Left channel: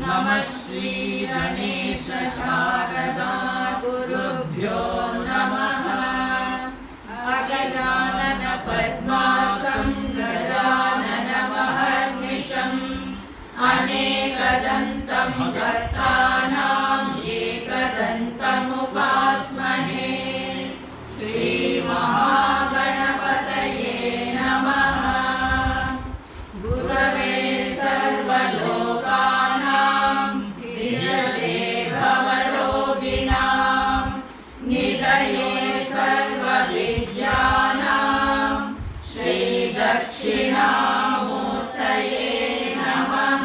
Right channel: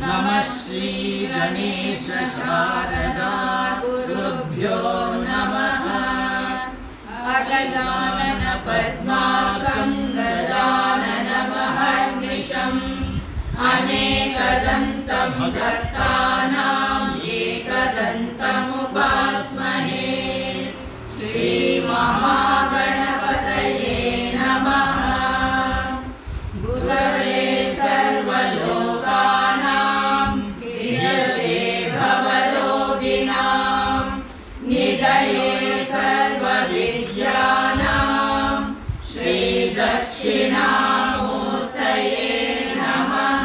नमः श्री गणेश शारदा गुरुभ्यो नमः। अगजानन पद्मार्कं गजाननमहर्निशम् अनेकदन्तं भक्तानाम् एकदन्तमुपास्महे। श्रीमहागणपतये नमः। गुरवे सर्वलोकानां विषये भवरोगिणां निधये सर्वविद्यानां श्रीदक्षिणामूर्तये नमः।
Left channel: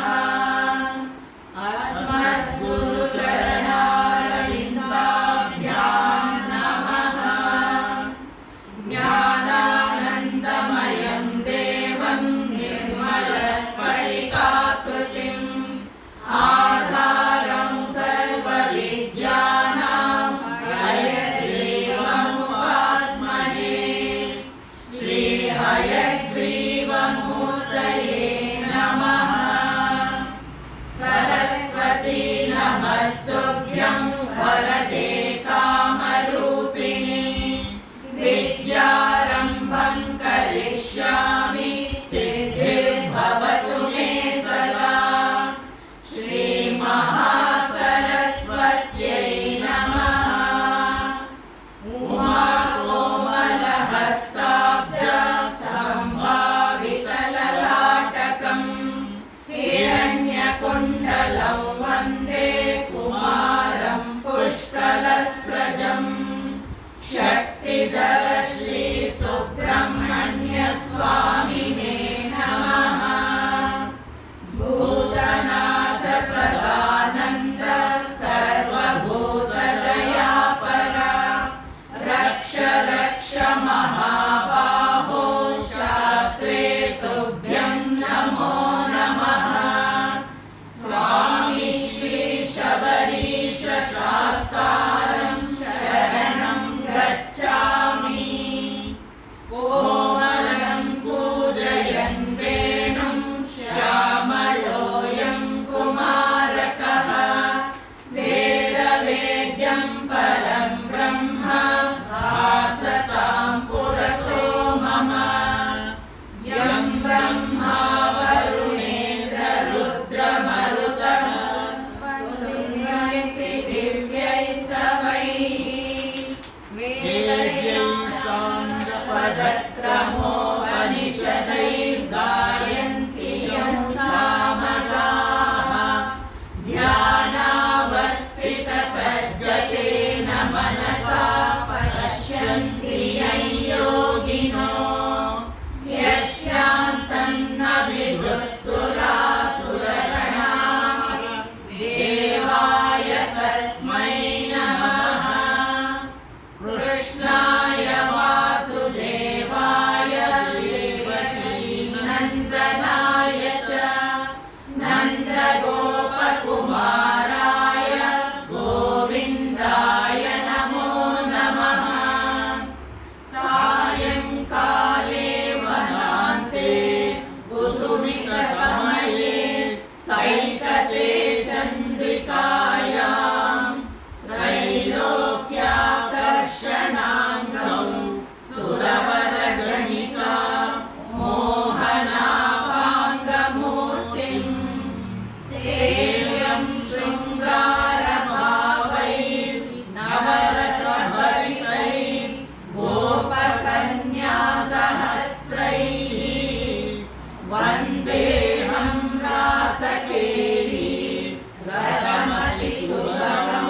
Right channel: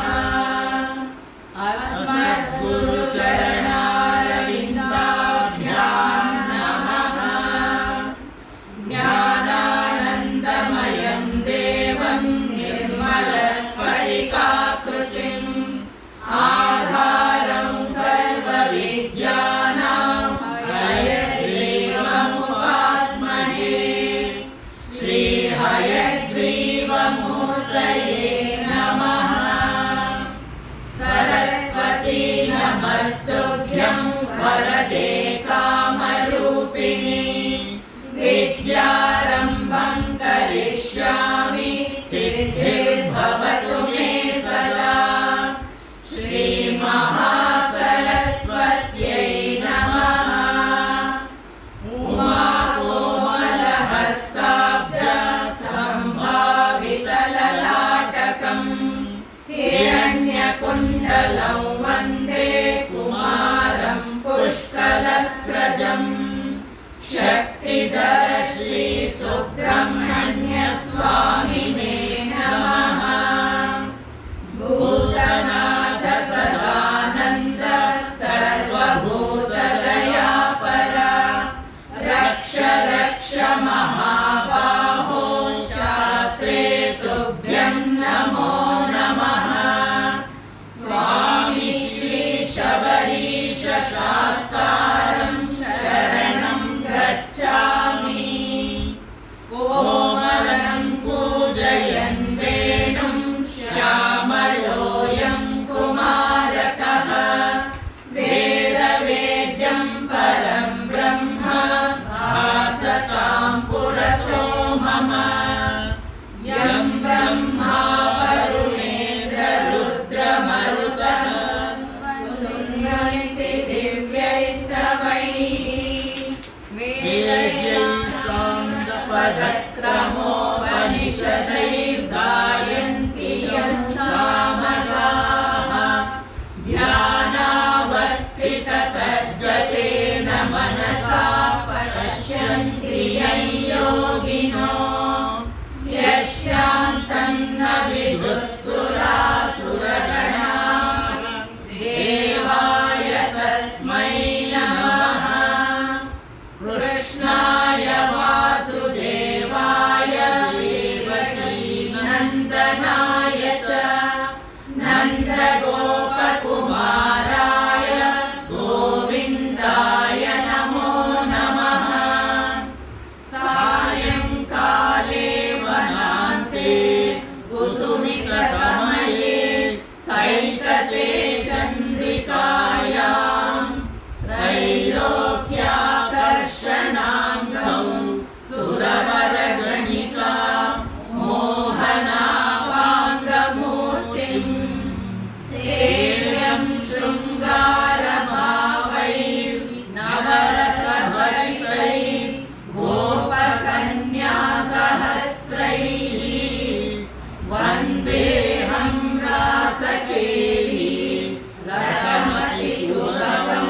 अस्मद्गुरुचरणारविन्दाभ्यां नमः। ज्ञानानन्दमयं देवं निर्मलस्फटिकाकृतिम् आधारं सर्वविद्यानां हयग्रीवमुपास्महे। श्रीहयग्रीवमूर्तये नमः। सरस्वती नमस्तुभ्यं वरदे कामरूपिणी। विद्यारम्भं करिष्यामि सिद्धिर्भवतु मे सदा। श्रीमहासरस्वत्यै नमः। उमाकोमलहस्ताब्ज सम्भावितललाटकम् हिरण्यकुण्डलं वन्दे कुमारं पुष्कलस्रजम्। शक्तिधर श्री सुब्रह्मण्य स्वामिने नमः। भूतनाथ सदानन्द सर्वभूतदयापर रक्ष रक्ष महाबाहो शास्त्रे तुभ्यं नमो नमः। स्वामी श्री शबरीश शास्तारं शरणं गच्छामि। कोमलं पूजयन् वेणुं श्यामलोऽयं कुमारकः। वेदवेद्यं परं ब्रह्म भासतां पुरतो मम। यं ब्रह्मा वरुणेन्द्र रुद्रमरुतः स्तुन्वन्ति दिव्यैस्तवैः। वेदैः साङ्गपदक्रमोपनिषदैर्गायन्ति यं सामगाः। ध्यानावस्थिततद्गतेन मनसा पश्यन्ति यं योगिनो। यस्यान्तं न विदुःसुरासुरगणाः देवाय तस्मै नमः। कृष्णाय वासुदेवाय देवकी नन्दनाय च नन्दगोपकुमाराय गोविन्दाय नमो नमः। सायङ्काले वनान्ते कुसुमितसमये सैकते चन्द्रिकायां त्रैलोक्याकर्षणाङ्गौ सुरवरगणिका मोहनापाङ्गमूर्तिं। सेव्यं शृङ्गारभावैर्नवरसभरितैः गोपकन्यासहस्रैः। वन्देऽहं रासकेली रतमतिसुभगं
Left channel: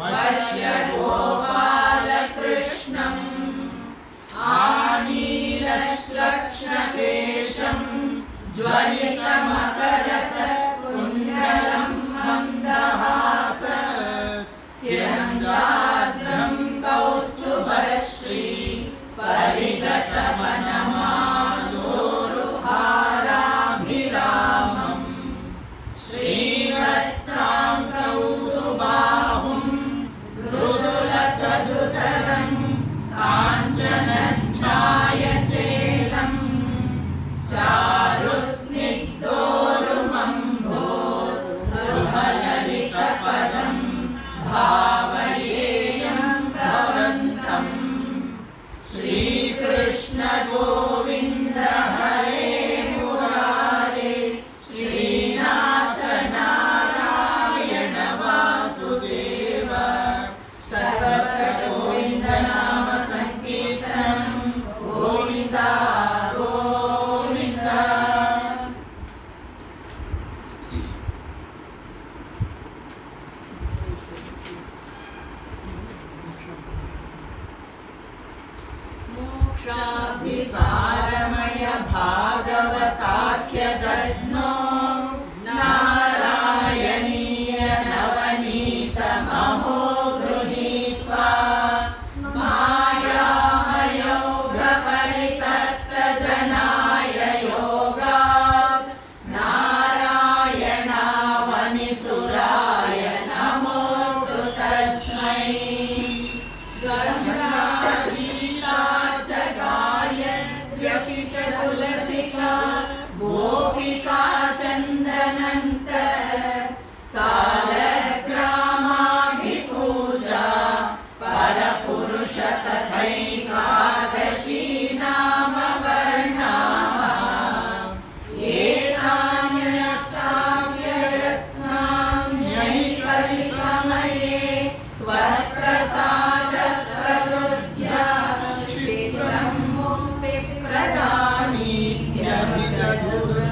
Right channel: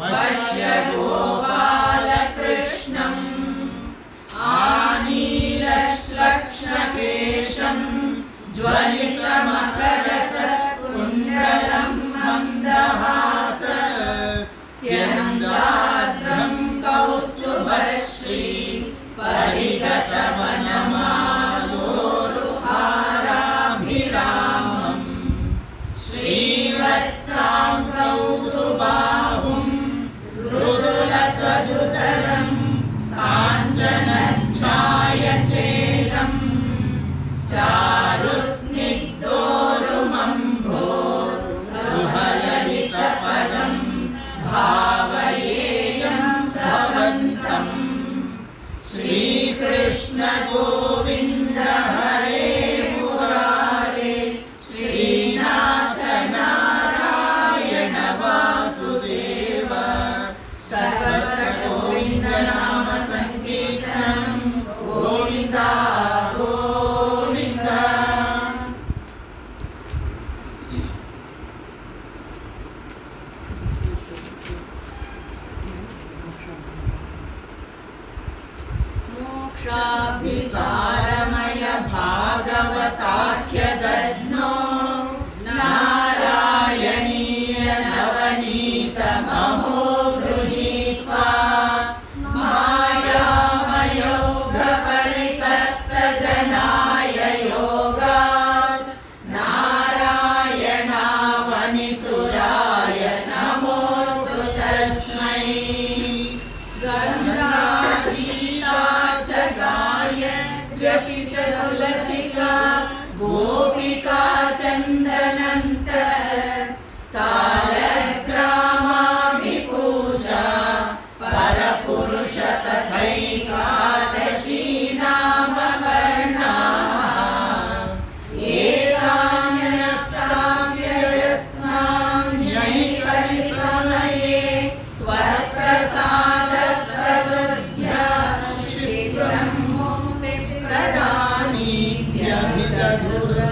वश्यगोपालकृष्णम्। आनीलश्लक्ष्णकेशं ज्वलितमकरसकुण्डलं मन्दहास। स्यन्दाद्रं कौस्तुभश्री परिगतवनमालोरुहाराभिरामम्। श्रीवत्साङ्गौ सुबाहुं मृदुलसदुदरं काञ्चनच्छायचेलं चारु दूरदर्शनम्